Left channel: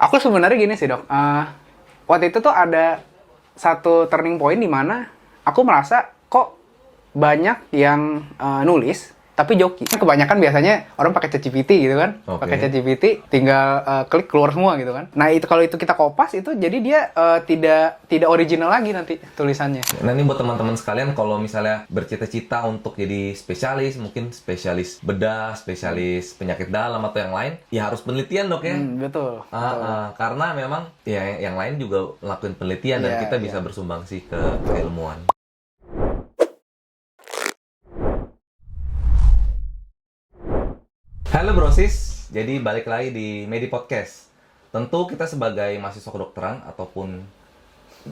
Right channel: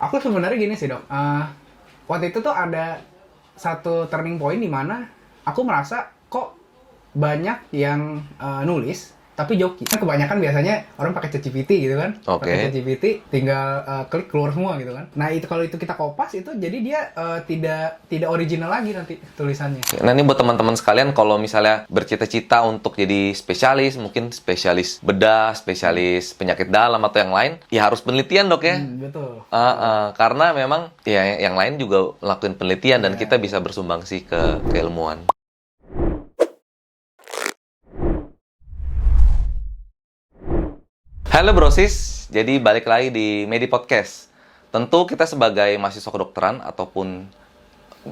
Aku sebenarnya gini sih dok, waktu itu tuh ada satu turning point di mana aku merasa kok banyak yang nulis tapi joki. Kebanyakan biasanya orang pakai ChatGPT gitu kan, Oke. pakai ChatGPT tinggal klik keluar semua gitu kan. Nah itu kalau itu kita kopas itu jadi dia tidak original lagi nanti tulisannya. Nah ini buat teman-teman sekalian, kalau misalnya bercita-cita untuk jadi spesialis, mungkin spesialis bedah, spesialis penyakit dalam atau yang lain, ya harus penelitian dok ya. Betul. Karena memang ya yang lain juga lakuin penelitian dan Iya, kita bisa bersumbangsi ke keilmuan. Halo brosis, jadi balik lagi di Medi Podcast. Tentu kita sebagai mahasiswa kedokteran ataupun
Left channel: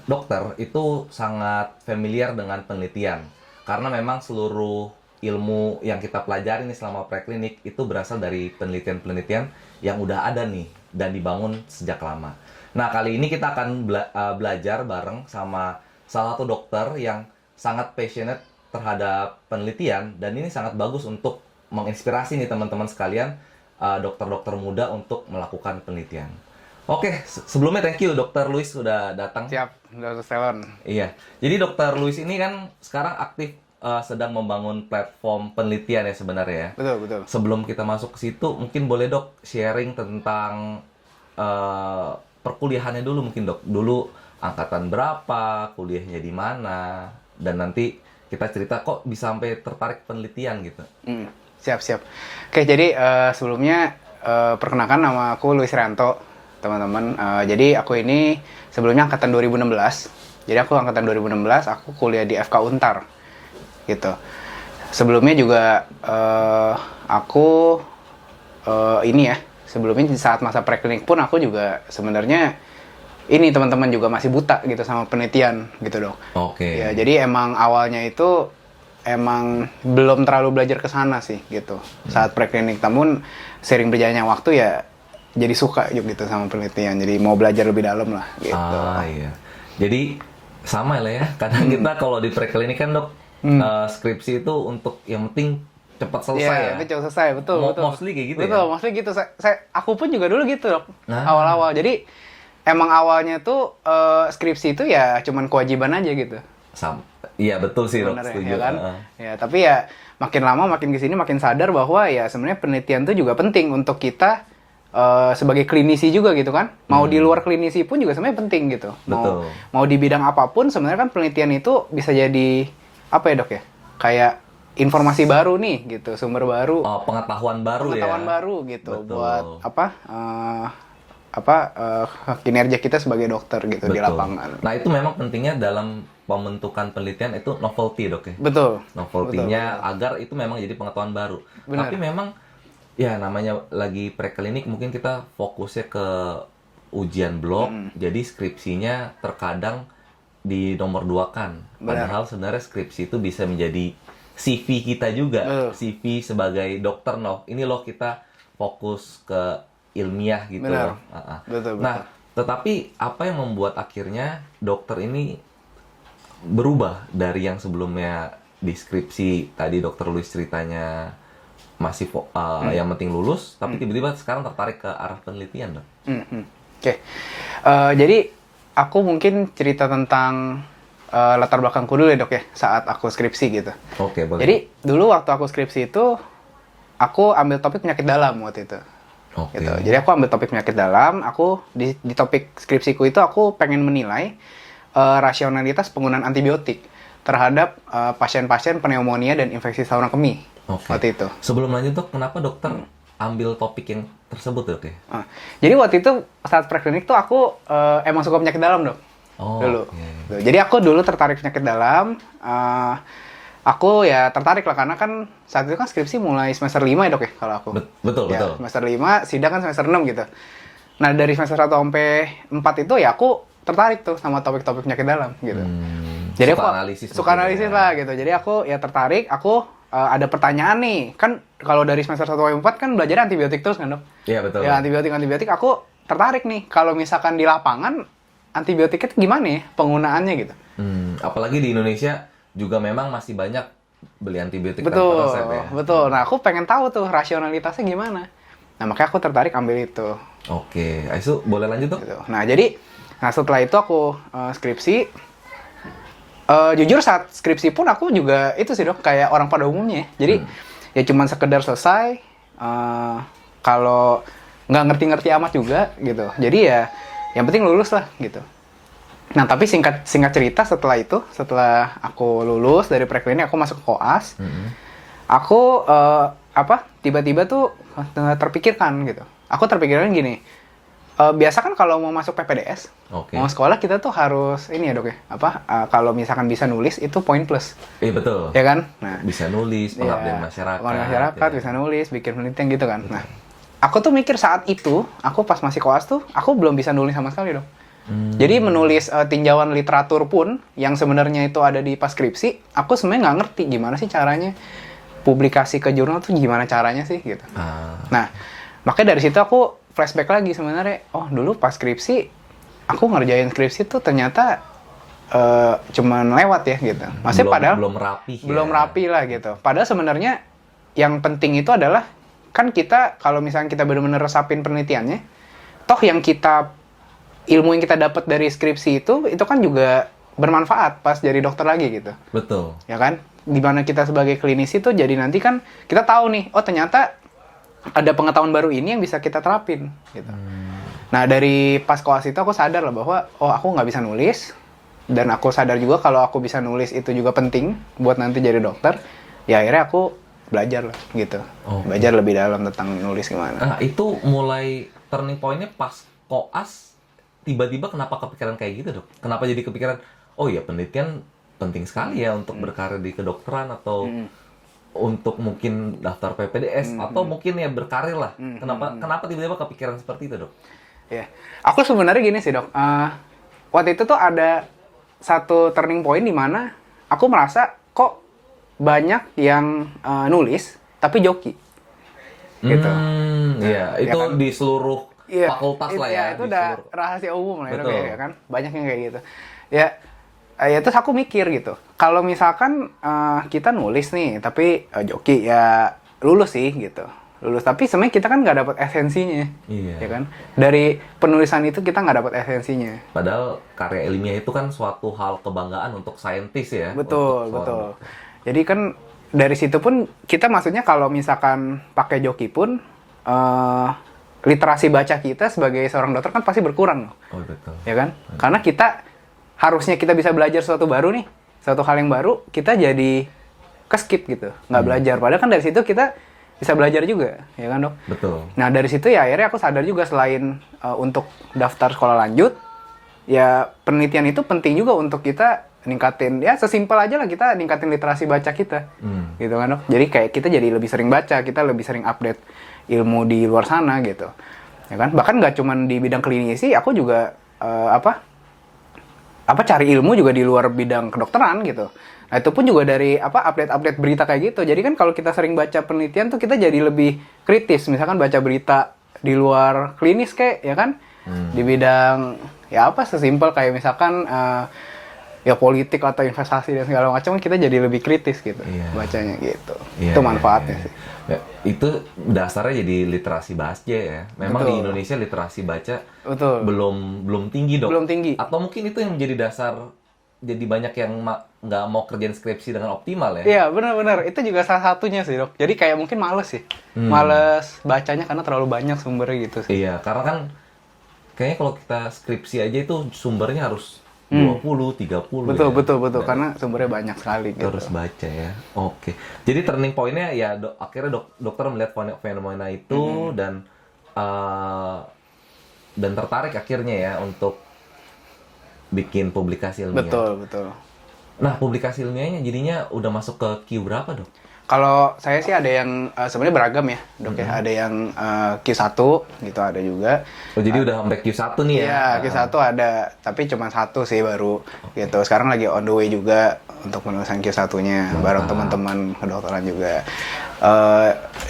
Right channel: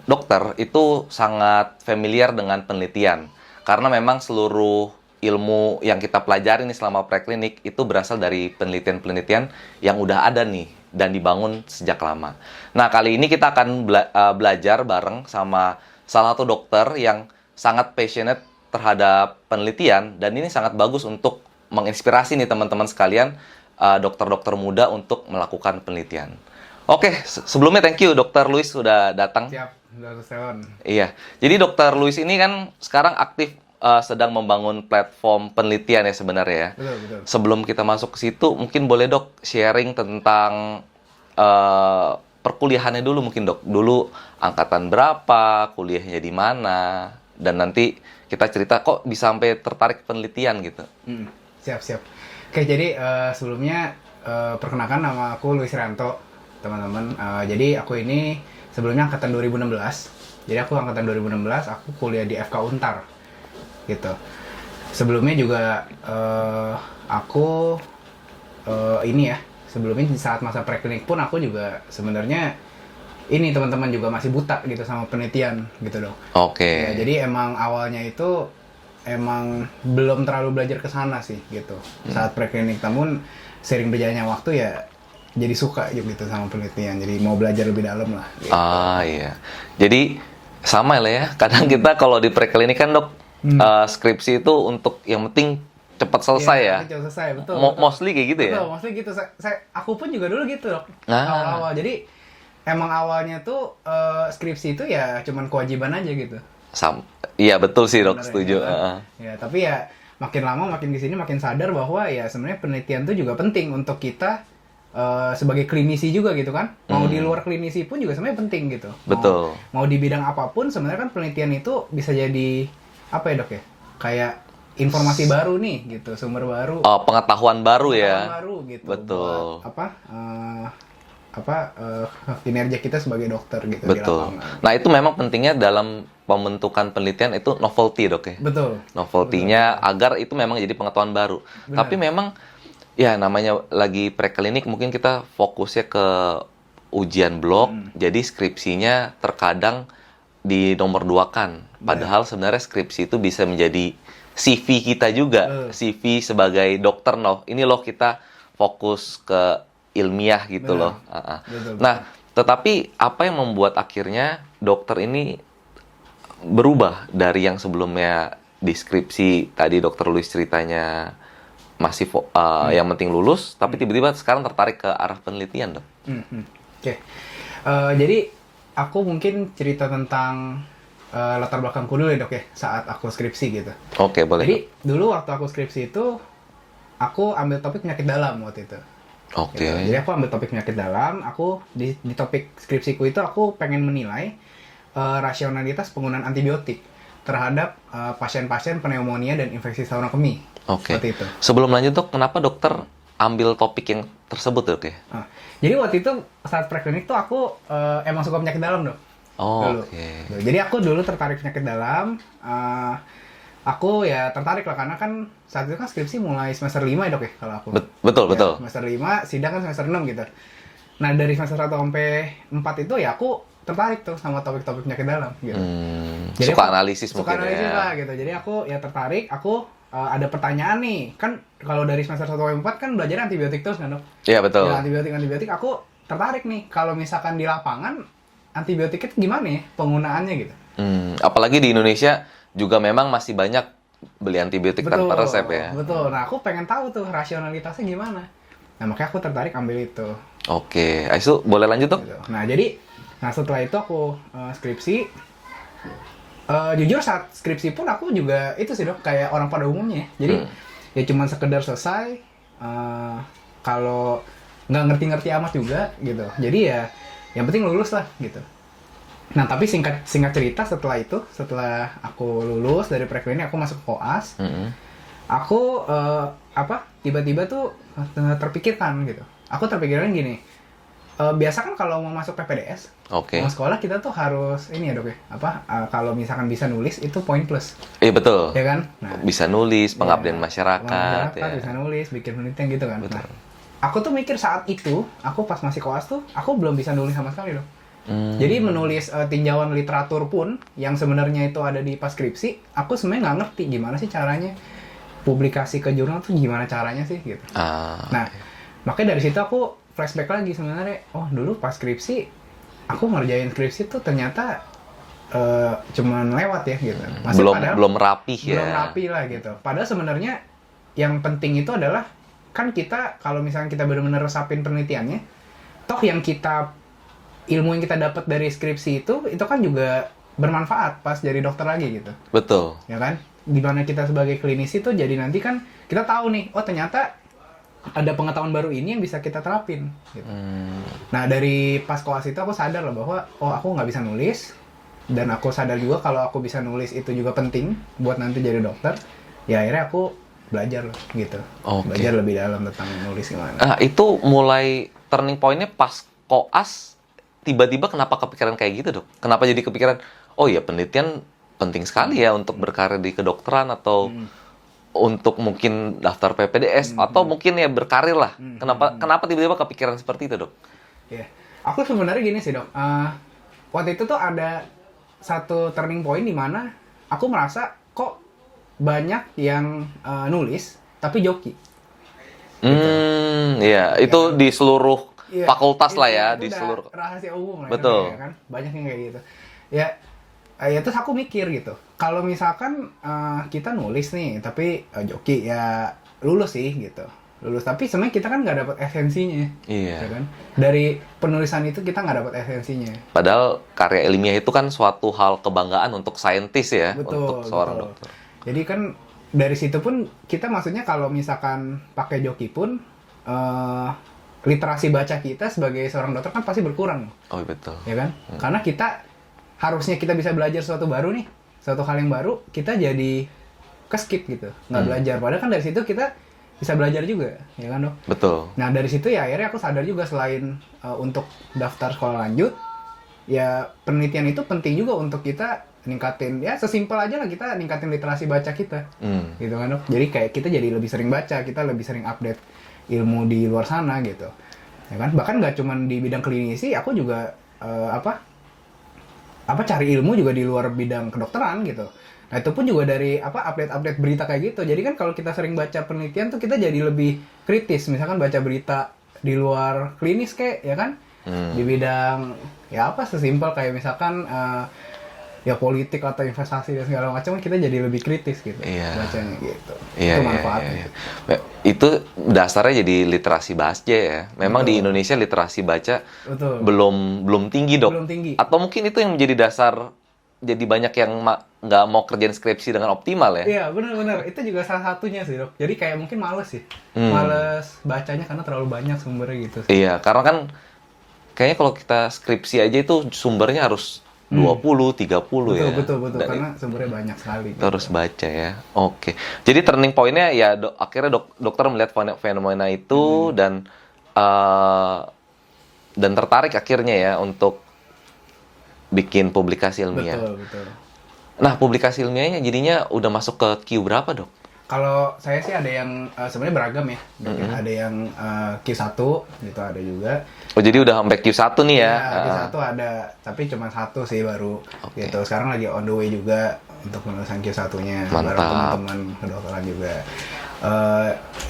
dokter itu sangat familiar dengan penelitian. Karena memang seluruh ilmu yang kita pelajari nih selama preklinik itu berasal dari penelitian-penelitian yang udah ada nih dan dibangun sejak lama. Nah, kali ini kita akan belajar bareng sama salah satu dokter yang sangat passionate terhadap penelitian dan ini sangat bagus untuk menginspirasi nih teman-teman sekalian, dokter-dokter muda untuk melakukan penelitian. Oke, sebelumnya thank you Dokter Luis sudah datang. Siap, Dr. Stelon. Iya, jadi Dokter Luis ini kan sekarang aktif sedang membangun platform penelitian ya sebenarnya ya. Betul, betul. Sebelum kita masuk ke situ, mungkin boleh dok sharing tentang perkuliahannya dulu mungkin dok. Dulu angkatan berapa, kuliahnya di mana, dan nanti kita cerita kok bisa sampai tertarik penelitian gitu. Siap, siap. Oke, jadi sebelumnya perkenalkan nama aku Luis Rianto, teman-teman. Jadi aku ini sebelumnya angkatan 2016. Jadi aku angkatan 2016, aku kuliah di FK Untar. Gitu. Sebelumnya juga aku ini ya, sebelumnya di saat masa preklinik pun aku juga sebenarnya ini teman-teman juga masih buta gitu sama penelitian gitu dong. Oke. Ya, jadi emang awalnya itu emang belum terlalu belajar ke sana sih gitu saat preklinik. Namun sering berjalannya waktu ya jadi suka gitu sama penelitian. Jadi mau belajar lebih dalam lah gitu. Ah iya. Jadi sama lah ya. Kadang kita kalau di preklinik kan dok, skripsi itu untuk yang penting cepat selesai ya. Cepat selesai, betul. Mostly kayak gitu ya. Betul, mostly gitu. Aku pun juga dulu gitu dok. Ah. Awal-awal. Jadi emang awalnya tuh skripsi itu ya cuman kewajiban aja gitu. Iya betul sih dok, Sebenarnya, setuju. ya kan? Ya, tapi ya makin lama makin kesini makin sadar bahwa ya sebenarnya penelitian itu juga penting untuk kita sebagai klinisi juga gitu kan. Mau di luar klinisi pun juga sebenarnya penting gitu. Betul. Mau di bidang apapun sebenarnya kan penelitian itu bisa jadi apa ya dok ya? Kayak informasi baru nih gitu, sumber baru. Pengetahuan baru ya. Pengetahuan baru gitu. Betul. Buat kinerja kita sebagai dokter gitu di Betul. lapangan. Nah itu memang pentingnya dalam pembentukan penelitian itu novelty dok ya. Betul. Novelty-nya agar itu memang jadi pengetahuan baru. Benar. Tapi memang ya namanya lagi preklinik mungkin kita fokusnya ke ujian blok, jadi skripsinya terkadang di nomor 2-kan. Padahal sebenarnya skripsi itu bisa menjadi CV kita juga. CV sebagai dokter ini loh kita fokus ke ilmiah gitu Benar. loh. Betul. Nah, tetapi apa yang membuat akhirnya dokter ini berubah dari yang sebelumnya deskripsi tadi dokter Luis ceritanya masih yang penting lulus, tapi tiba-tiba sekarang tertarik ke arah penelitian dok. Oke. Jadi aku mungkin cerita tentang latar belakangku dulu ya dok ya saat aku skripsi gitu. Oke, boleh. Jadi dulu waktu aku skripsi itu aku ambil topik penyakit dalam waktu itu. Oke. Gitu. Jadi aku ambil topik penyakit dalam. Aku di topik skripsiku itu aku pengen menilai rasionalitas penggunaan antibiotik terhadap pasien-pasien pneumonia dan infeksi saluran kemih. Oke. Waktu itu. Sebelum lanjut dok, kenapa dokter ambil topik yang tersebut dok ya? Jadi waktu itu saat preklinik tuh aku emang suka penyakit dalam dok. Oh, Dulu. oke. Jadi aku dulu tertarik penyakit dalam. Aku ya tertarik lah karena kan saat itu kan skripsi mulai semester 5 ya dok ya kalau aku. Betul, Ya, betul. Semester 5, sidang kan semester 6 gitu. Nah dari semester 1 sampai 4 itu ya aku tertarik tuh sama topik-topik penyakit dalam gitu. Jadi suka aku analisis suka mungkin analisis ya. lah gitu. Jadi aku ya tertarik, aku ada pertanyaan nih. Kan kalau dari semester 1 sampai 4 kan belajar antibiotik terus kan dok? Iya, betul. Ya antibiotik aku tertarik nih. Kalau misalkan di lapangan antibiotik itu gimana ya penggunaannya gitu. Apalagi di Indonesia juga memang masih banyak beli antibiotik Betul, tanpa resep ya. betul. Nah, aku pengen tahu tuh rasionalitasnya gimana. Nah, makanya aku tertarik ambil itu. Oke, Aisu boleh lanjut dok? gitu. Nah setelah itu aku skripsi. Jujur saat skripsi pun aku juga itu sih dok, kayak orang pada umumnya. Jadi ya cuman sekedar selesai. Kalau nggak ngerti-ngerti amat juga gitu. Jadi ya yang penting lulus lah gitu. Nah tapi singkat cerita setelah aku lulus dari preklinik, aku masuk koas. Aku tiba-tiba tuh terpikirkan gitu. Aku terpikirkan gini. Biasa kan kalau mau masuk PPDS, mau sekolah kita tuh harus ini ya dok ya, kalau misalkan bisa nulis itu poin plus. Iya betul. Ya kan? Nah, bisa nulis, pengabdian masyarakat. Ya. Bisa nulis, bikin penelitian gitu kan. Betul. Nah, aku tuh mikir saat itu, aku pas masih koas tuh, aku belum bisa nulis sama sekali dok. Jadi menulis tinjauan literatur pun, yang sebenarnya itu ada di pas skripsi, aku sebenarnya nggak ngerti gimana sih caranya publikasi ke jurnal tuh gimana caranya sih gitu. Nah, makanya dari situ aku flashback lagi sebenarnya, dulu pas skripsi aku ngerjain skripsi tuh ternyata cuman lewat ya gitu. Maksudnya belum rapi ya. Belum rapi lah gitu. Padahal sebenarnya yang penting itu adalah kan kita kalau misalnya kita benar-benar resapin penelitiannya, toh ilmu yang kita dapat dari skripsi itu kan juga bermanfaat pas jadi dokter lagi gitu. Betul. Ya kan? Dimana kita sebagai klinisi tuh jadi nanti kan kita tahu nih, ternyata ada pengetahuan baru ini yang bisa kita terapin gitu. Nah dari pas koas itu aku sadar lah bahwa aku nggak bisa nulis, dan aku sadar juga kalau aku bisa nulis itu juga penting buat nanti jadi dokter. Ya akhirnya aku belajar lah gitu. Belajar lebih dalam tentang nulis gimana. Nah itu mulai turning point-nya pas koas, tiba-tiba kenapa kepikiran kayak gitu dok? Kenapa jadi kepikiran ya penelitian penting sekali ya untuk berkarir di kedokteran atau untuk mungkin daftar PPDS atau mungkin ya berkarir lah. Kenapa tiba-tiba kepikiran seperti itu dok? Ya, aku sebenarnya gini sih dok. Waktu itu tuh ada satu turning point di mana aku merasa kok banyak yang nulis tapi joki. Gitu. Iya, itu kan? di seluruh fakultas lah ya, itu di seluruh rahasia umum lah. Betul. Ya kan? Banyak yang kayak gitu. Ya terus aku mikir gitu, kalau misalkan kita nulis nih, tapi joki ya lulus sih gitu, lulus. Tapi sebenarnya kita kan nggak dapat esensinya, ya kan? Dari penulisan itu kita nggak dapat esensinya. Padahal karya ilmiah itu kan suatu hal kebanggaan untuk saintis ya, betul, untuk seorang dokter. Jadi kan dari situ pun kita maksudnya kalau misalkan pakai joki pun literasi baca kita sebagai seorang dokter kan pasti berkurang. Oh betul. Ya kan? Karena harusnya kita bisa belajar sesuatu baru nih, suatu hal yang baru, kita jadi ke-skip gitu, nggak belajar. Padahal kan dari situ kita bisa belajar juga, ya kan dok? Betul. Nah dari situ ya akhirnya aku sadar juga selain untuk daftar sekolah lanjut, ya penelitian itu penting juga untuk kita ningkatin, ya sesimpel aja lah kita ningkatin literasi baca kita, gitu kan dok? Jadi kayak kita jadi lebih sering baca, kita lebih sering update ilmu di luar sana gitu, ya kan? Bahkan nggak cuma di bidang klinisi, aku juga cari ilmu juga di luar bidang kedokteran gitu. Nah itu pun juga dari update berita kayak gitu. Jadi kan kalau kita sering baca penelitian tuh kita jadi lebih kritis. Misalkan baca berita di luar klinis kayak ya kan, di bidang sesimpel kayak misalkan ya politik atau investasi dan segala macam, kita jadi lebih kritis gitu bacanya gitu. Itu manfaatnya. Iya. Itu dasarnya jadi literasi baca ya. Memang di Indonesia literasi baca belum tinggi dok. Belum tinggi. Atau mungkin itu yang menjadi dasar jadi banyak yang nggak mau kerjain skripsi dengan optimal ya. Iya benar-benar, itu juga salah satunya sih dok. Jadi kayak mungkin males sih, males bacanya karena terlalu banyak sumbernya gitu sih. Iya, karena kan kayaknya kalau kita skripsi aja itu sumbernya harus 20, 30 ya. Betul. Karena sumbernya banyak sekali. Gitu. Terus baca ya. Oke. Jadi turning point-nya ya akhirnya dokter melihat fenomena itu dan tertarik akhirnya ya untuk bikin publikasi ilmiah. Betul. Nah, publikasi ilmiahnya jadinya udah masuk ke Q berapa, Dok? Kalau saya sih ada yang sebenarnya beragam ya, Dok ya. Ada yang Q1 gitu, ada juga. Oh, jadi udah sampai Q1 nih ya? Iya, Q1 ada, tapi cuma satu sih baru. Gitu. Sekarang lagi on the way juga untuk penulisan Q1-nya bareng teman-teman kedokteran juga.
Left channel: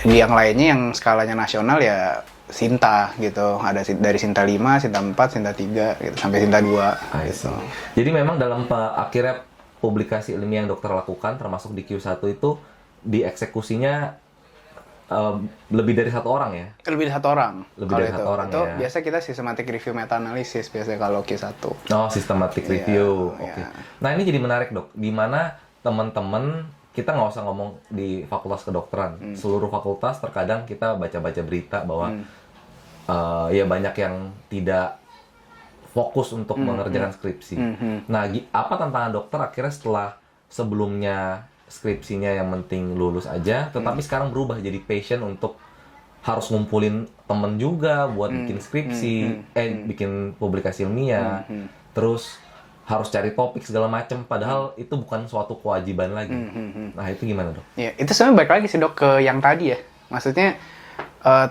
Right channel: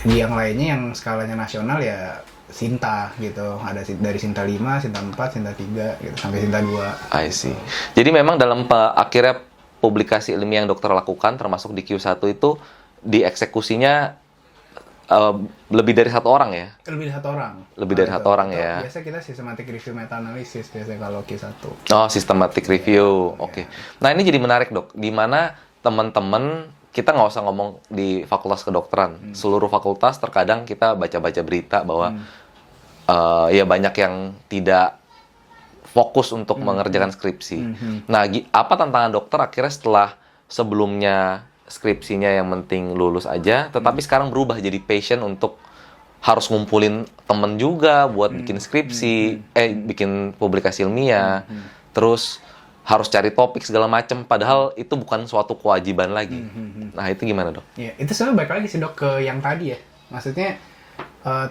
Yang lainnya yang skalanya nasional ya Sinta gitu. Ada dari Sinta 5, Sinta 4, Sinta 3 gitu sampai Sinta 2. I see. Jadi memang dalam akhirnya publikasi ilmiah yang dokter lakukan termasuk di Q1 itu dieksekusinya lebih dari satu orang ya? Lebih dari satu orang. Lebih Kalau dari satu orang itu ya. Biasa kita systematic review meta-analysis biasanya kalau Q1. Oh, systematic review. Iya. Oke. Nah, ini jadi menarik, Dok. Di mana teman-teman, kita nggak usah ngomong di fakultas kedokteran. Seluruh fakultas terkadang kita baca-baca berita bahwa ya banyak yang tidak fokus untuk mengerjakan skripsi. Nah, apa tantangan dokter akhirnya setelah sebelumnya skripsinya yang penting lulus aja, tetapi sekarang berubah jadi passion untuk harus ngumpulin temen juga buat bikin skripsi, bikin publikasi ilmiah, terus harus cari topik segala macam, padahal itu bukan suatu kewajiban lagi. Nah, itu gimana, Dok? Ya, itu sebenarnya balik lagi sih, Dok, ke yang tadi ya. Maksudnya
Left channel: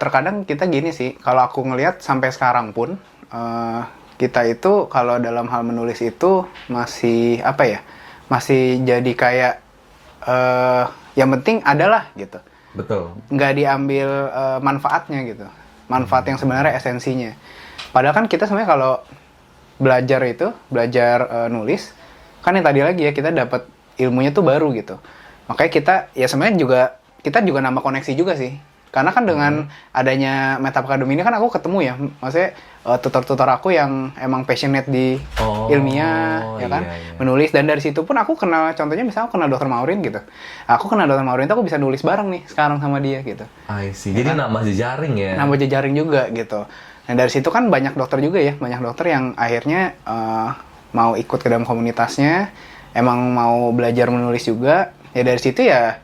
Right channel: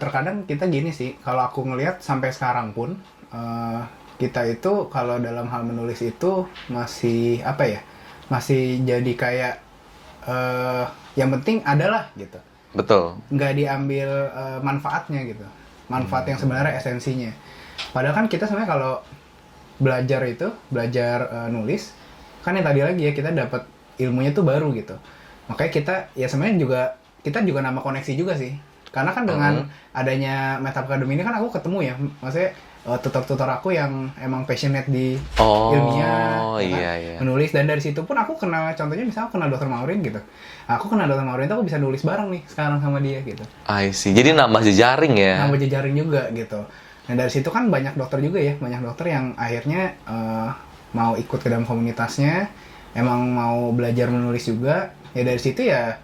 terkadang kita gini sih, kalau aku ngelihat sampai sekarang pun kita itu kalau dalam hal menulis itu masih apa ya? Masih jadi kayak yang penting adalah gitu. Betul. Nggak diambil manfaatnya gitu. Manfaat yang sebenarnya esensinya. Padahal kan kita sebenarnya kalau belajar nulis, kan yang tadi lagi ya, kita dapat ilmunya tuh baru gitu. Makanya kita juga nambah koneksi juga sih. Karena kan dengan adanya Meta Academy ini kan aku ketemu ya, maksudnya tutor-tutor aku yang emang passionate di ilmiah, ya kan, menulis. Dan dari situ pun aku kenal, contohnya misalnya aku kenal Dr. Maureen gitu. Aku kenal Dr. Maureen tuh aku bisa nulis bareng nih sekarang sama dia gitu. I see. Jadi nambah jejaring ya? Nambah jejaring juga gitu. Nah dari situ kan banyak dokter juga ya, banyak dokter yang akhirnya mau ikut ke dalam komunitasnya, emang mau belajar menulis juga. Ya dari situ ya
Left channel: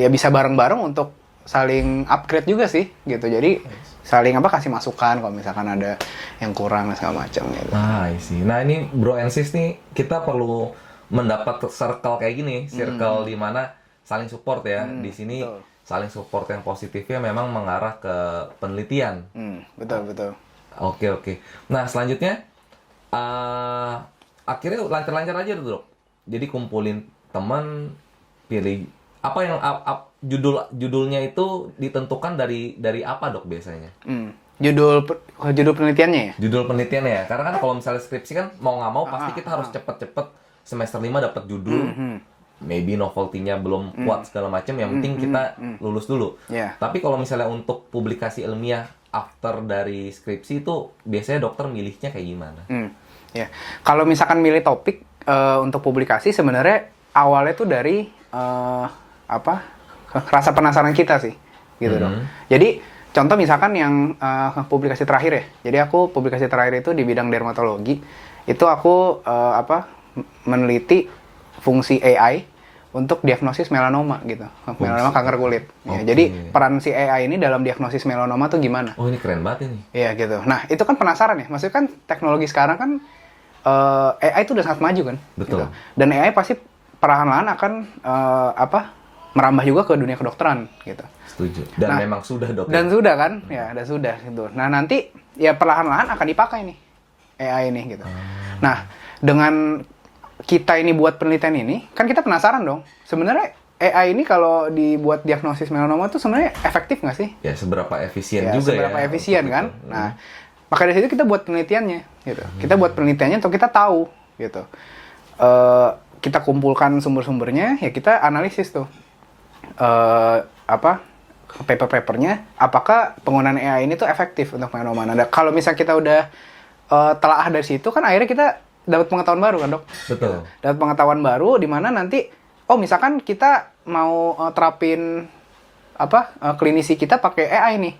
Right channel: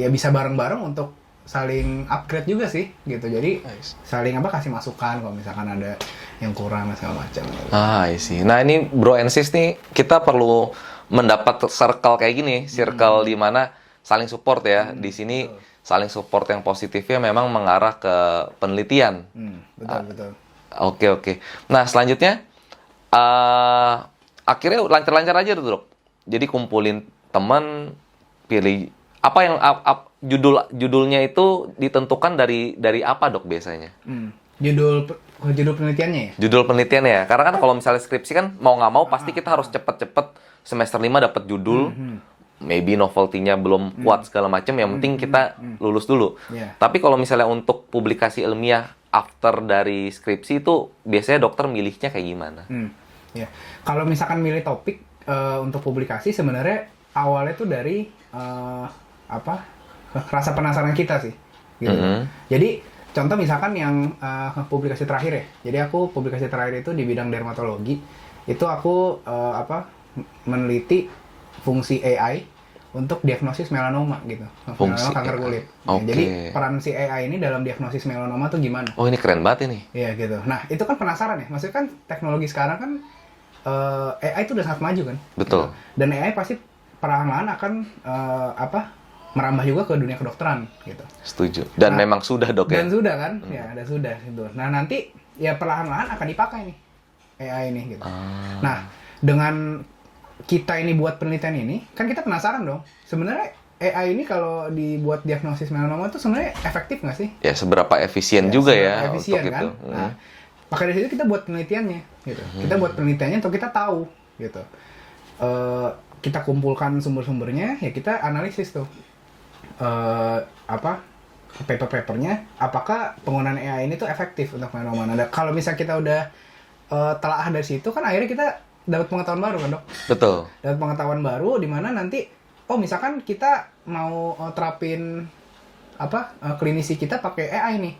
ya bisa bareng-bareng untuk saling upgrade juga sih gitu. Jadi saling kasih masukan kalau misalkan ada yang kurang segala macam gitu. I see. Nah, ini Bro and Sis nih, kita perlu mendapat circle kayak gini, circle di mana saling support ya. Di sini saling support yang positifnya memang mengarah ke penelitian. Betul. Oke. Nah, selanjutnya akhirnya lancar-lancar aja tuh, Dok. Jadi kumpulin teman, pilih apa yang judulnya itu ditentukan dari apa, Dok, biasanya? Judul penelitiannya ya? Judul penelitiannya ya. Karena kan kalau misalnya skripsi kan mau nggak mau pasti kita harus cepet-cepet semester 5 dapat judul. Maybe novelty-nya belum kuat segala macam, yang penting kita lulus dulu. Tapi kalau misalnya untuk publikasi ilmiah after dari skripsi itu biasanya dokter milihnya kayak gimana? Ya. Kalau misalkan milih topik untuk publikasi sebenarnya awalnya tuh dari rasa penasaran kita sih gitu. Jadi contoh misalkan yang publikasi terakhir ya. Jadi aku publikasi terakhir itu di bidang dermatologi. Itu aku meneliti fungsi AI untuk diagnosis melanoma gitu. Melanoma kanker kulit. Ya, jadi peran si AI ini dalam diagnosis melanoma tuh gimana? Oh, ini keren banget ini. Iya gitu. Nah, itu kan penasaran ya. Maksudnya kan teknologi sekarang kan AI itu udah sangat maju kan. Betul. Gitu. Dan AI pasti perlahan-lahan akan merambah juga ke dunia kedokteran gitu. Setuju. Dan memang sudah, Dok. Dan sudah kan? Ya, dan sudah gitu. Nah, nanti ya perlahan-lahan akan dipakai nih AI ini gitu. Nah, dengan kita ini buat penelitian ini, kan kita penasaran dong. Sebenarnya AI ini kalau dibuat diagnosis melanoma itu sebenarnya efektif nggak sih? Ya, seberapa efisien juga ya. Seberapa efisien kan? Nah, maka dari situ kita buat penelitiannya gitu. Kita buat penelitiannya untuk kita tahu gitu. Kita kumpulkan sumber-sumbernya, ya kita analisis tuh. Paper-papernya, apakah penggunaan AI ini tuh efektif untuk melanoma. Nah, kalau misalnya kita udah telaah dari situ, kan akhirnya kita dapat pengetahuan baru kan, Dok? Betul. Dapat pengetahuan baru di mana nanti, misalkan kita mau terapin klinisi kita pakai AI nih.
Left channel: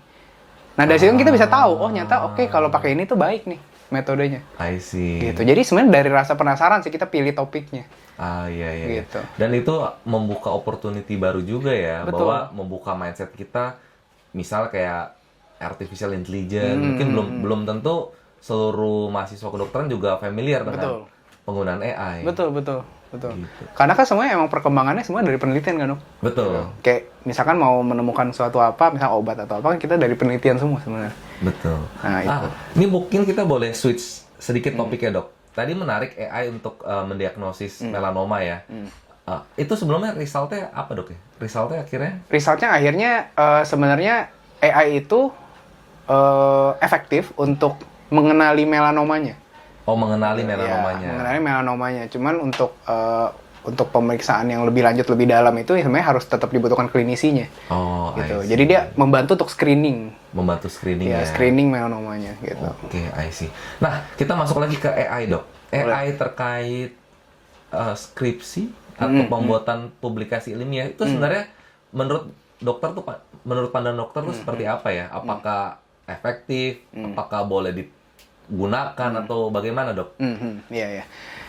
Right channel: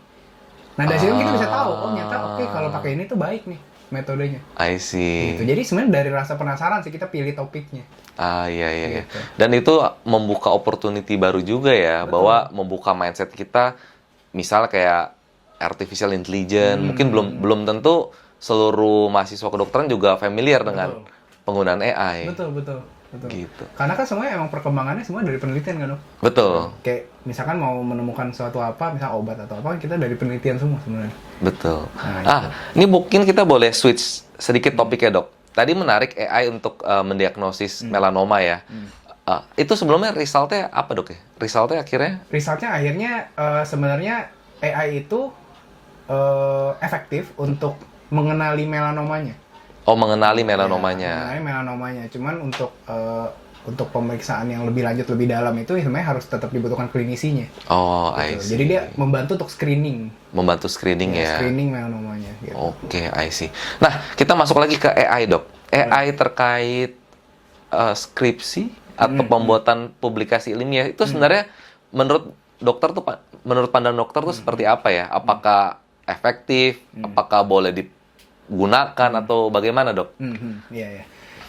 Nah, dari situ kita bisa tahu, nyata kalau pakai ini tuh baik nih metodenya. I see. Gitu. Jadi sebenarnya dari rasa penasaran sih kita pilih topiknya. Iya. Gitu. Dan itu membuka opportunity baru juga ya. Betul. Bahwa membuka mindset kita, misalnya kayak artificial intelligence, mungkin belum tentu seluruh mahasiswa kedokteran juga familiar dengan penggunaan AI. Betul. Gitu. Karena kan semuanya emang perkembangannya semua dari penelitian kan, Dok? Betul. Kayak misalkan mau menemukan suatu misal obat atau apa, kan kita dari penelitian semua sebenarnya. Betul. Nah, ini mungkin kita boleh switch sedikit topiknya, Dok. Tadi menarik AI untuk mendiagnosis melanoma ya. Itu sebelumnya resultnya apa, Dok ya? Resultnya akhirnya sebenarnya AI itu efektif untuk mengenali melanomanya. Oh, mengenali melanomanya. Ya, mengenali melanomanya. Cuman untuk untuk pemeriksaan yang lebih lanjut lebih dalam itu ya sebenarnya harus tetap dibutuhkan klinisinya. Oh, I Gitu. see. Jadi dia membantu untuk screening. Membantu screening ya. Screening melanomanya gitu. Oke, I see. Nah, kita masuk lagi ke AI, Dok. AI terkait skripsi atau pembuatan publikasi ilmiah itu sebenarnya menurut dokter tuh, menurut pandangan dokter tuh seperti apa ya? Apakah efektif? Apakah boleh digunakan atau bagaimana, Dok? Iya, iya.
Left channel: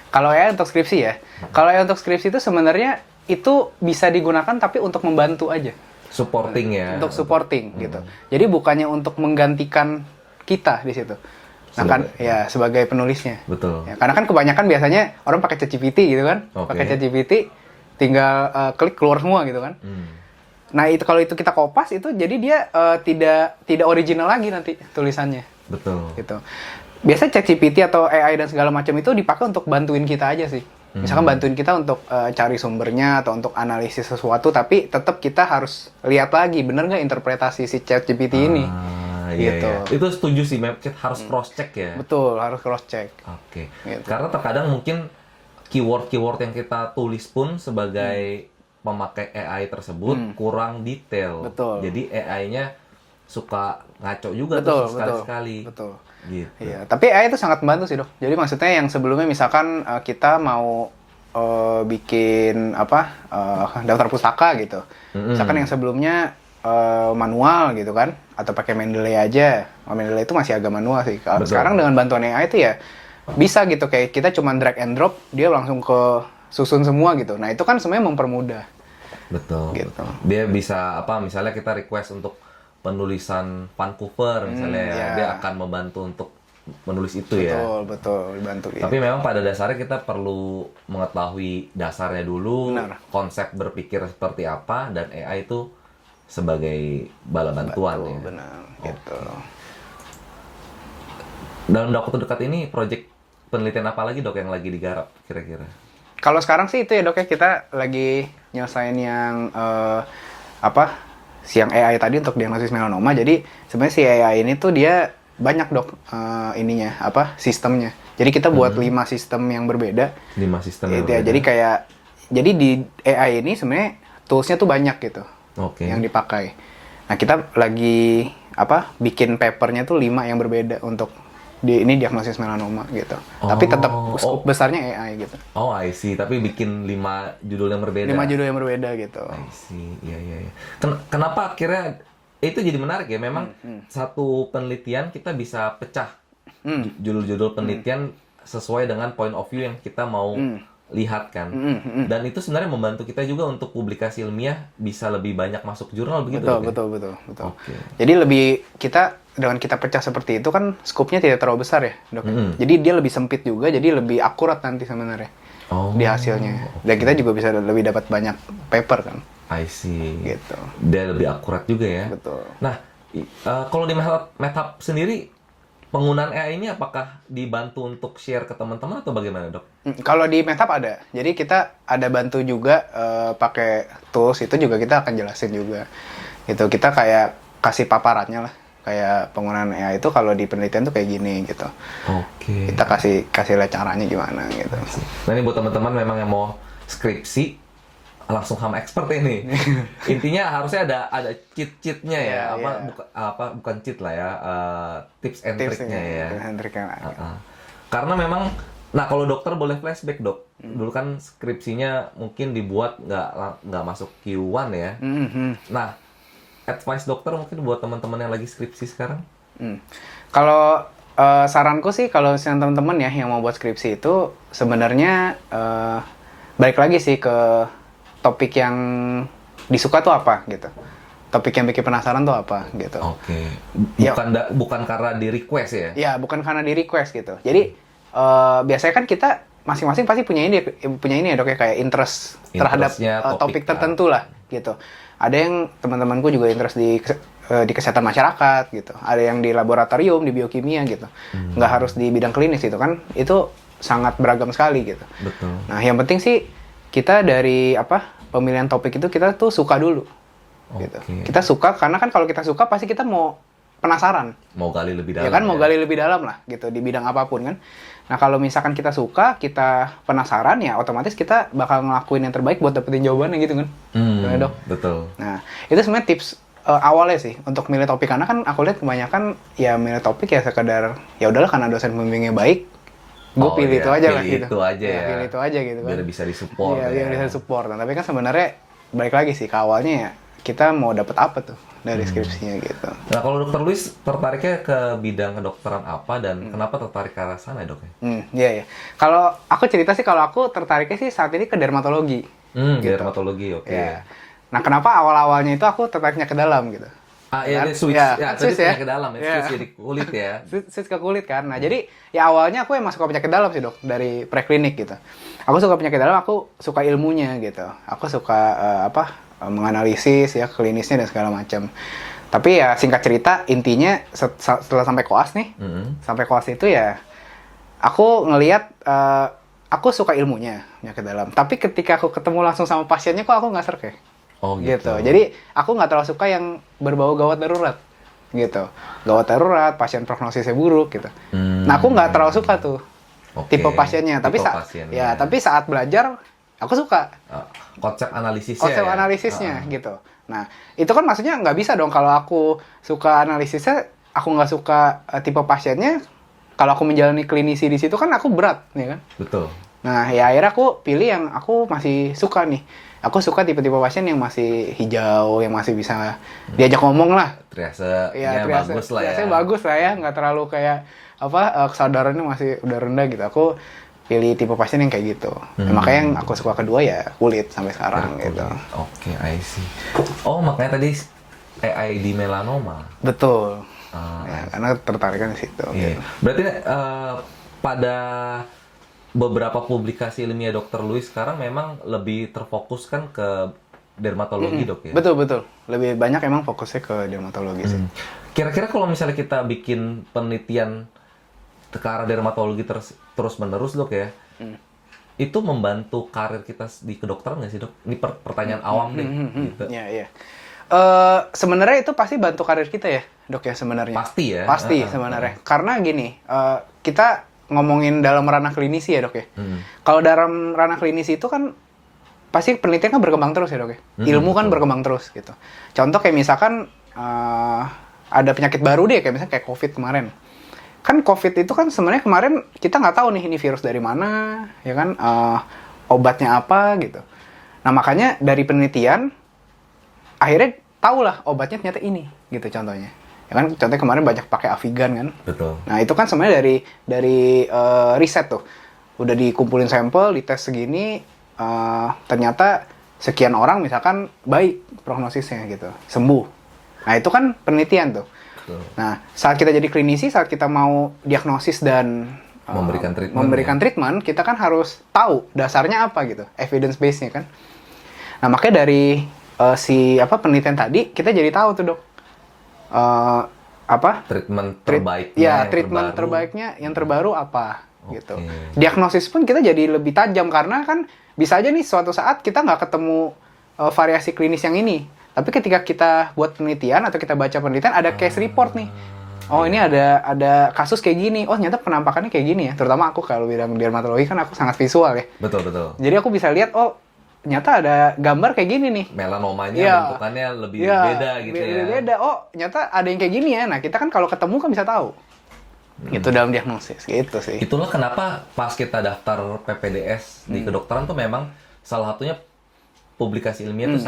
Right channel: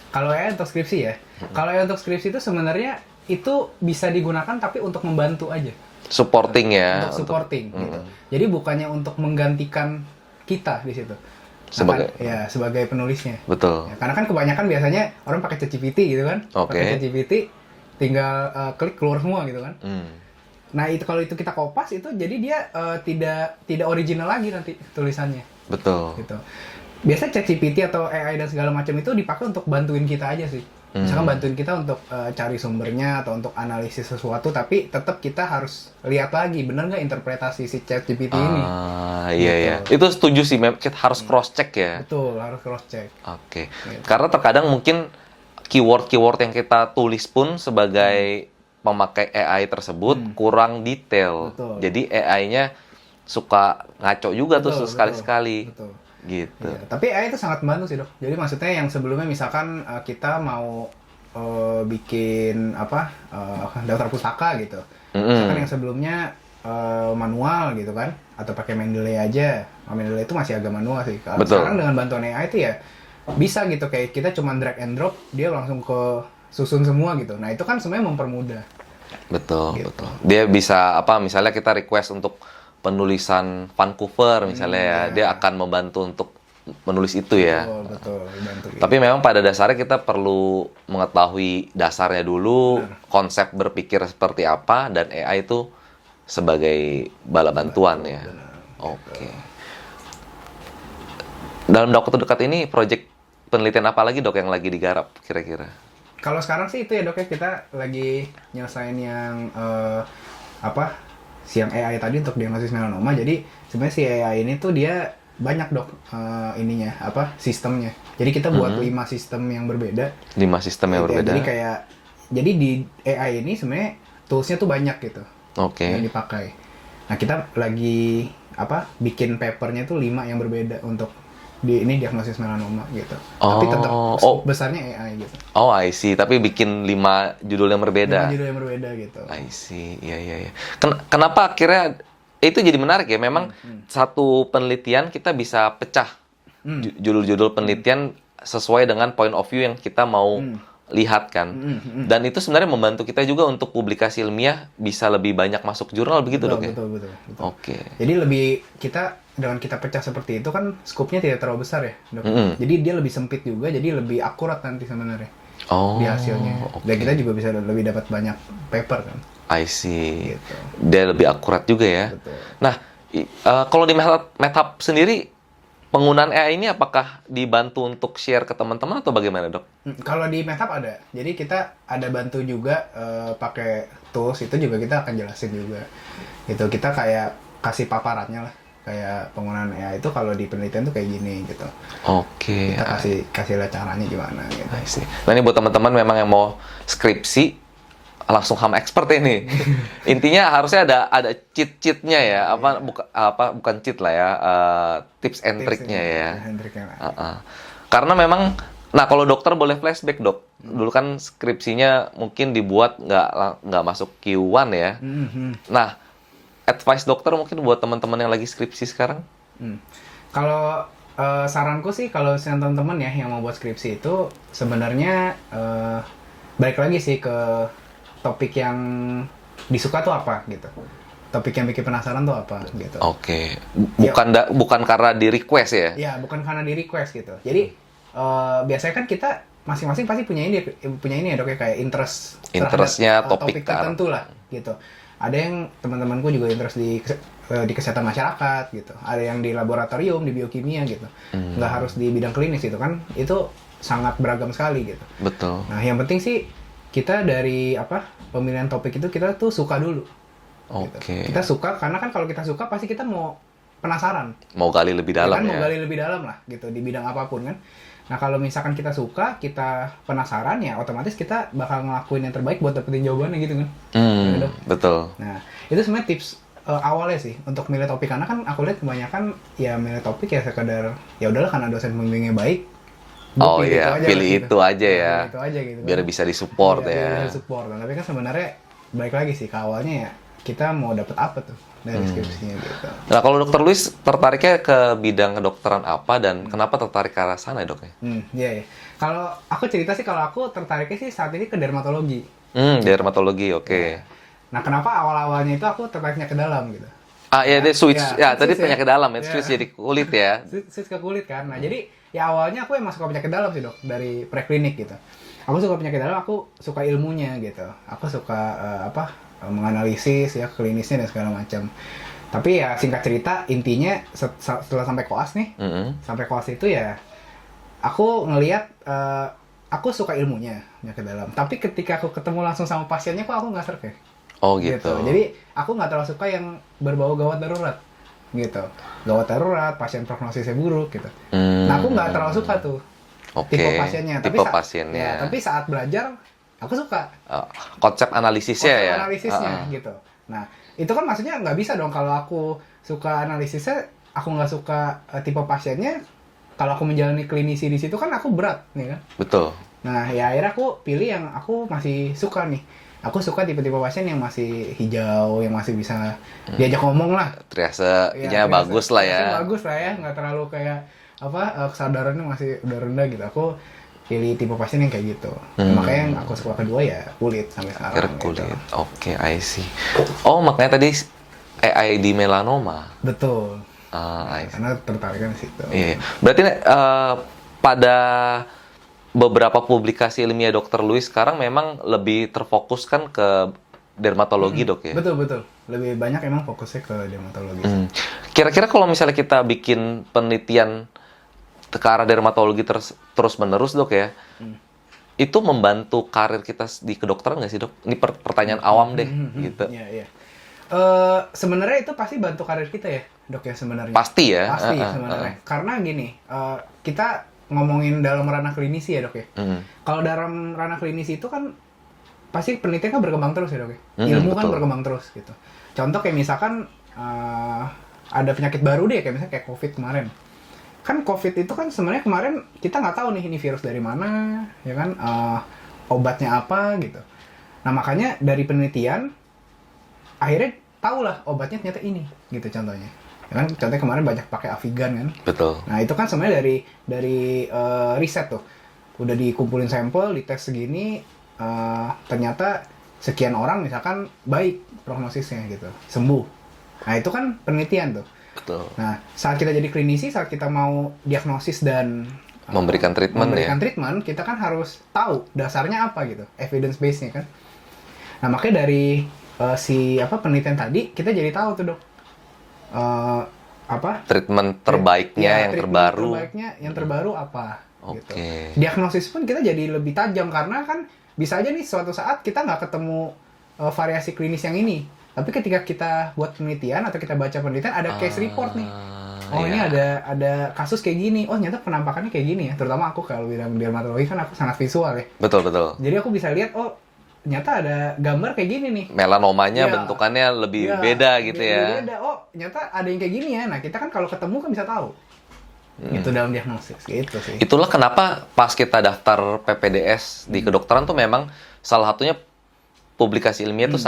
Kalau AI untuk skripsi ya, kalau AI untuk skripsi itu sebenarnya itu bisa digunakan tapi untuk membantu aja. Supporting ya. Untuk supporting gitu. Jadi bukannya untuk menggantikan kita di situ. Nah, Sebagai- kan, ya sebagai penulisnya. Betul. Ya, karena kan kebanyakan biasanya orang pakai ChatGPT gitu kan. Oke. Pakai ChatGPT tinggal klik keluar semua gitu kan. Nah, itu kalau itu kita kopas itu jadi dia tidak original lagi nanti tulisannya Betul. gitu. Biasanya ChatGPT atau AI dan segala macam itu dipakai untuk bantuin kita aja sih. Misalkan bantuin kita untuk cari sumbernya atau untuk analisis sesuatu, tapi tetap kita harus lihat lagi bener nggak interpretasi si ChatGPT ini. Iya, iya. Itu setuju sih, kita harus cross check ya. Betul, harus cross check. Oke. Gitu. Karena terkadang mungkin keyword-keyword yang kita tulis pun sebagai pemakai AI tersebut kurang detail. Betul. Jadi AI-nya suka ngaco juga tuh Betul, sekali-sekali. betul. Gitu. Iya, tapi AI itu sangat membantu sih, Dok. Jadi maksudnya yang sebelumnya misalkan kita mau bikin daftar pustaka gitu. Misalkan yang sebelumnya manual gitu kan, atau pakai Mendeley aja. Mendeley itu masih agak manual sih. Betul. Sekarang dengan bantuan AI itu ya bisa gitu, kayak kita cuma drag and drop, dia langsung ke susun semua gitu. Nah, itu kan sebenarnya mempermudah. Betul, Gitu. betul. Dia bisa misalnya kita request untuk penulisan Vancouver misalnya ya, iya. dia akan membantu untuk menulis itu ya. Betul, betul, dibantu. Tapi memang pada dasarnya kita perlu mengetahui dasarnya dulu, Benar. konsep berpikir seperti apa, dan AI itu sebagai bala bantuan ya. Benar, Oke. gitu. Dalam waktu dekat ini, proyek penelitian apa lagi, Dok, yang lagi digarap kira-kira? Kalau sekarang sih itu ya, Dok, ya, kita lagi nyelesain yang siang AI tadi untuk diagnosis melanoma. Jadi sebenarnya si AI ini tuh dia banyak, Dok, sistemnya. Jadi kita buat 5 sistem yang berbeda. 5 sistem yang Iya, berbeda. Jadi di AI ini sebenarnya toolsnya tuh banyak gitu Oke. yang dipakai. Nah, kita lagi bikin papernya tuh 5 yang berbeda untuk diagnosis melanoma gitu. Tapi tetap scope besarnya AI gitu. Oh, I see. Tapi bikin 5 judul yang berbeda. 5 judul yang berbeda gitu. I see. Iya, iya, iya. Kenapa akhirnya itu jadi menarik ya? Memang satu penelitian kita bisa pecah judul-judul penelitian sesuai dengan point of view yang kita mau lihat kan. Dan itu sebenarnya membantu kita juga untuk publikasi ilmiah bisa lebih banyak masuk jurnal begitu, Betul, Dok, ya? betul. Oke. Jadi dengan kita pecah seperti itu kan skopnya tidak terlalu besar ya, Dok. Jadi dia lebih sempit juga, jadi lebih akurat nanti sebenarnya di hasilnya. Dan kita juga bisa lebih dapat banyak paper kan. I see. Gitu. Dia lebih akurat juga ya. Betul. Nah, kalau di MedHub sendiri, penggunaan AI ini apakah dibantu untuk share ke teman-teman atau bagaimana, Dok? Kalau di MedHub ada. Jadi kita ada bantu juga pakai tools, itu juga kita akan jelasin juga. Gitu. Kita kayak kasih paparannya lah. Kayak penggunaan AI itu kalau di penelitian tuh kayak gini gitu. Oke. Kita kasih lihat caranya gimana gitu. Nah, ini buat teman-teman memang yang mau skripsi, langsung HAM expert ini. Intinya harusnya ada cheat-cheatnya ya. Bukan cheat lah ya, tips and triknya ya. Karena memang, nah kalau dokter boleh flashback, Dok. Dulu kan skripsinya mungkin dibuat nggak masuk Q1 ya. Nah, advice dokter mungkin buat teman-teman yang lagi skripsi sekarang? Kalau saranku sih, kalau teman-teman ya yang mau buat skripsi itu sebenarnya balik lagi sih ke topik yang disuka tuh apa gitu. Topik yang bikin penasaran tuh apa gitu. Oke. Bukan karena di request ya? Ya, bukan karena di request gitu. Jadi biasanya kan kita masing-masing pasti punya ini ya, Dok, ya, kayak interest terhadap topik tertentu lah gitu. Ada yang teman-temanku juga interest di kesehatan masyarakat gitu. Ada yang di laboratorium, di biokimia gitu. Nggak harus di bidang klinis gitu kan. Itu sangat beragam sekali gitu. Betul. Nah, yang penting sih kita dari pemilihan topik itu kita tuh suka dulu. Gitu. Kita suka karena kan kalau kita suka pasti kita mau penasaran. Mau gali lebih Ya dalam kan, mau gali lebih dalam lah gitu di bidang apapun kan. Nah, kalau misalkan kita suka, kita penasaran, ya otomatis kita bakal ngelakuin yang terbaik buat dapetin jawabannya gitu kan. Dok. Betul. Nah, itu sebenarnya tips awalnya sih untuk milih topik, karena kan aku lihat kebanyakan ya milih topik ya sekedar ya udahlah karena dosen pembimbingnya baik, gue pilih itu aja pilih lah, gitu. itu aja ya. Pilih itu aja gitu kan. Biar bisa disupport Iya, ya. biar bisa disupport. Nah, tapi kan sebenarnya balik lagi sih ke awalnya ya kita mau dapet apa tuh dari skripsinya gitu. Nah, kalau Dokter Luis tertariknya ke bidang kedokteran apa dan kenapa tertarik ke arah sana ya, Dok? Iya ya. Kalau aku cerita sih, kalau aku tertariknya sih saat ini ke dermatologi. Dermatologi, oke. Iya. Nah, kenapa awal-awalnya itu aku tertariknya ke dalam gitu? Ah, iya, dia switch. Ya, Ya, tadi switch ya. penyakit dalam, ya. Iya. Switch jadi kulit ya. Switch ke kulit kan. Nah, jadi ya awalnya aku emang suka penyakit dalam sih, Dok, dari preklinik gitu. Aku suka penyakit dalam, aku suka ilmunya gitu. Aku suka menganalisis ya, klinisnya dan segala macam. Tapi ya singkat cerita, intinya setelah sampai koas nih, sampai koas itu ya aku ngelihat aku suka ilmunya penyakit dalam. Tapi ketika aku ketemu langsung sama pasiennya, kok aku nggak serk ya. Oh gitu. Jadi aku nggak terlalu suka yang berbau gawat darurat gitu. Gawat darurat, pasien prognosisnya buruk gitu. Nah, aku nggak terlalu suka tuh tipe pasiennya. Tipe pasiennya. Tapi saat belajar aku suka konsep analisisnya konsep ya. analisisnya gitu. Nah, itu kan maksudnya nggak bisa dong kalau aku suka analisisnya, aku nggak suka tipe pasiennya. Kalau aku menjalani klinisi di situ kan aku berat, ya kan? Betul. Nah, ya akhirnya aku pilih yang aku masih suka nih. Aku suka tipe-tipe pasien yang masih hijau, yang masih bisa diajak ngomong lah. Triasenya bagus lah ya. Triasenya bagus lah ya, nggak terlalu kayak kesadarannya masih udah rendah gitu. Aku pilih tipe pasien yang kayak gitu. Nah, makanya yang aku suka kedua ya kulit sampai sekarang gitu. Oke, I see. Oh, makanya tadi AID melanoma. Betul. Nah, karena tertariknya di situ. Iya. Berarti pada beberapa publikasi ilmiah Dokter Luis sekarang memang lebih terfokuskan ke dermatologi, Dok ya? Betul. Lebih banyak emang fokusnya ke dermatologi. Kira-kira kalau misalnya kita bikin penelitian ke arah dermatologi terus-menerus, Dok ya, itu membantu karir kita di kedokteran nggak sih, Dok? Ini pertanyaan awam deh, gitu. Iya. Sebenarnya itu pasti bantu karir kita ya, Dok ya, sebenarnya. Pasti ya? Pasti sebenarnya. Karena gini, kita ngomongin dalam ranah klinisi ya, Dok ya. Kalau dalam ranah klinisi itu kan pasti penelitian kan berkembang terus ya, Dok ya. Ilmu kan berkembang terus gitu. Contoh kayak misalkan ada penyakit baru deh, kayak misalnya kayak COVID kemarin. Kan COVID itu kan sebenarnya kemarin kita nggak tahu nih ini virus dari mana, ya kan, obatnya apa gitu. Nah, makanya dari penelitian akhirnya tahulah obatnya ternyata ini gitu contohnya. Ya kan, contohnya kemarin banyak pakai Avigan kan. Betul. Nah, itu kan sebenarnya dari riset tuh. Udah dikumpulin sampel, dites segini, ternyata sekian orang misalkan baik prognosisnya gitu, sembuh. Nah, itu kan penelitian tuh. Betul. Nah, saat kita jadi klinisi, saat kita mau diagnosis dan memberikan treatment, kita kan harus tahu dasarnya apa gitu, evidence base-nya kan. Nah, makanya dari penelitian tadi kita jadi tahu tuh, Dok. Treatment terbaiknya treatment terbaiknya yang terbaru apa gitu. Diagnosis pun kita jadi lebih tajam karena kan bisa aja nih suatu saat kita nggak ketemu variasi klinis yang ini. Tapi ketika kita buat penelitian atau kita baca penelitian ada case report nih. Oh, ini ada kasus kayak gini. Oh, ternyata penampakannya kayak gini ya. Terutama aku kalau bidang dermatologi kan aku sangat visual ya. Betul. Jadi aku bisa lihat, oh, ternyata ada gambar kayak gini nih. Melanomanya bentukannya lebih beda gitu ya. Beda. Oh, ternyata ada yang kayak gini ya. Nah, kita kan kalau ketemu kan bisa tahu. Itu dalam diagnosis, gitu sih. Itulah kenapa pas kita daftar PPDS di kedokteran tuh memang salah satunya publikasi ilmiah itu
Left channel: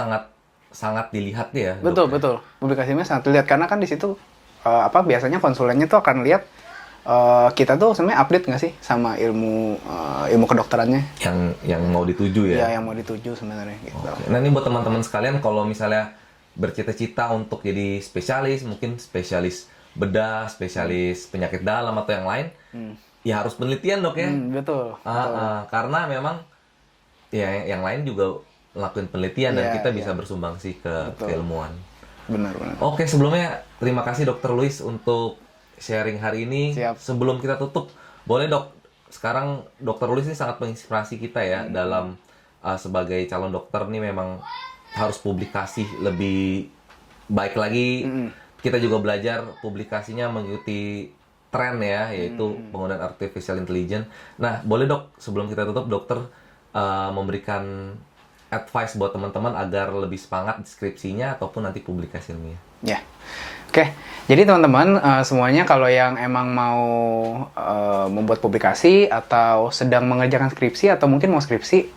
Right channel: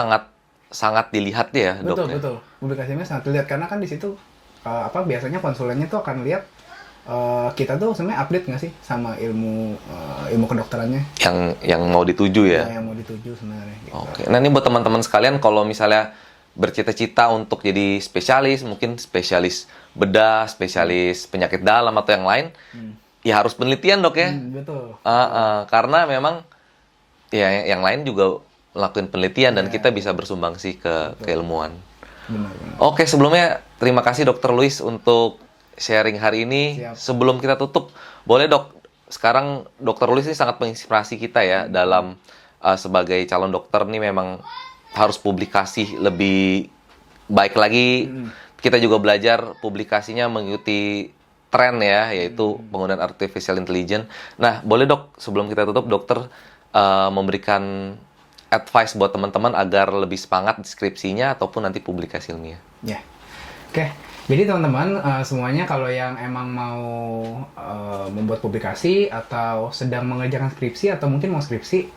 sangat dilihat ya, Dok. Betul. Publikasi ilmiah sangat dilihat karena kan di situ biasanya konsulennya tuh akan lihat kita tuh sebenarnya update nggak sih sama ilmu kedokterannya yang mau dituju ya? Yang mau dituju sebenarnya gitu. Oke. Nah, ini buat teman-teman sekalian kalau misalnya bercita-cita untuk jadi spesialis, mungkin spesialis bedah, spesialis penyakit dalam atau yang lain, ya harus penelitian, Dok ya. Betul. Karena memang ya yang lain juga lakuin penelitian dan kita bisa bersumbangsi ke keilmuan. Benar. Oke, sebelumnya terima kasih Dokter Luis untuk sharing hari ini. Siap. Sebelum kita tutup, boleh Dok, sekarang Dokter Luis ini sangat menginspirasi kita ya dalam sebagai calon dokter nih memang harus publikasi lebih baik lagi, kita juga belajar publikasinya mengikuti tren ya, yaitu penggunaan artificial intelligence. Nah, boleh dok, sebelum kita tutup, dokter memberikan advice buat teman-teman agar lebih semangat skripsinya ataupun nanti publikasi ilmiah. Ya, oke. Jadi teman-teman semuanya kalau yang emang mau membuat publikasi atau sedang mengerjakan skripsi atau mungkin mau skripsi,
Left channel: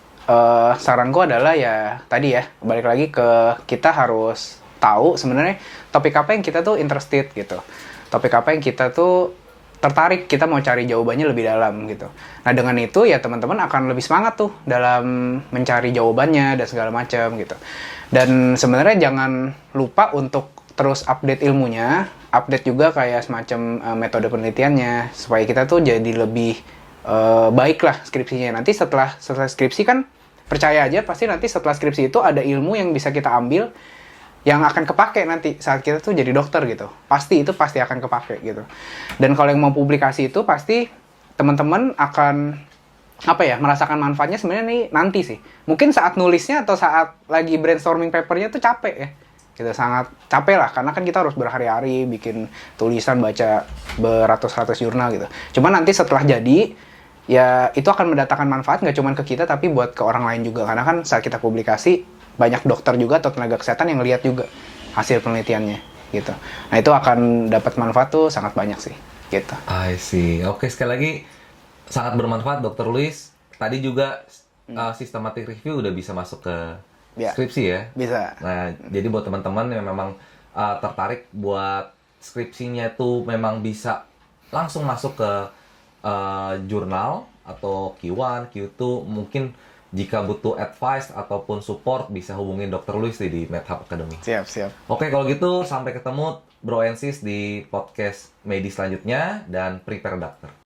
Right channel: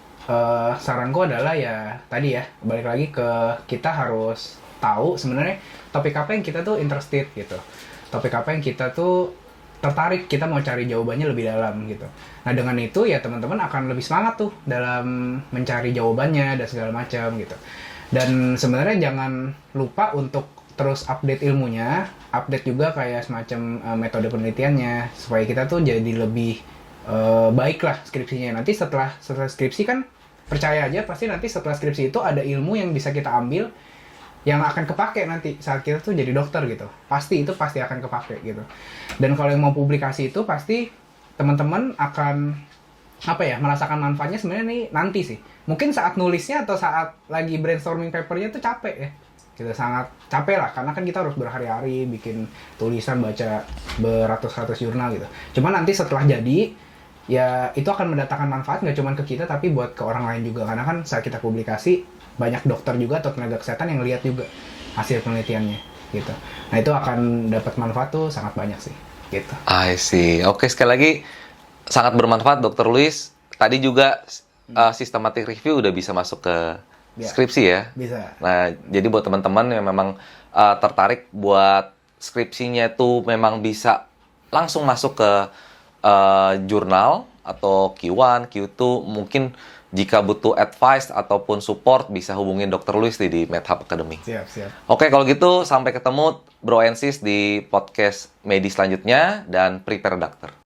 saranku adalah ya tadi ya, balik lagi ke kita harus tahu sebenarnya topik apa yang kita tuh interested gitu. Topik apa yang kita tuh tertarik, kita mau cari jawabannya lebih dalam gitu. Nah dengan itu ya teman-teman akan lebih semangat tuh dalam mencari jawabannya dan segala macam gitu. Dan sebenarnya jangan lupa untuk terus update ilmunya, update juga kayak semacam metode penelitiannya, supaya kita tuh jadi lebih baik lah skripsinya. Nanti setelah skripsi kan, percaya aja pasti nanti setelah skripsi itu ada ilmu yang bisa kita ambil, yang akan kepake nanti saat kita tuh jadi dokter gitu. Pasti akan kepake gitu. Dan kalau yang mau publikasi itu pasti teman-teman akan merasakan manfaatnya sebenarnya nih nanti sih. Mungkin saat nulisnya atau saat lagi brainstorming papernya tuh capek ya. Gitu, sangat capek lah karena kan kita harus berhari-hari bikin tulisan, baca beratus-ratus jurnal gitu. Cuman nanti setelah jadi ya itu akan mendatangkan manfaat nggak cuma ke kita tapi buat ke orang lain juga, karena kan saat kita publikasi banyak dokter juga atau tenaga kesehatan yang lihat juga hasil penelitiannya gitu. Nah itu akan dapat manfaat tuh sangat banyak sih gitu. I see. Oke, sekali lagi sangat bermanfaat Dr. Luis. Tadi juga systematic review udah bisa masuk ke skripsi ya? Bisa. Nah, jadi buat teman-teman yang memang tertarik buat skripsinya tuh memang bisa langsung masuk ke jurnal atau Q1, Q2, mungkin jika butuh advice ataupun support bisa hubungin Dr. Luis di MedHub Academy. Siap. Oke, kalau gitu sampai ketemu Bro and Sis di podcast Medi selanjutnya dan Prepare Doctor.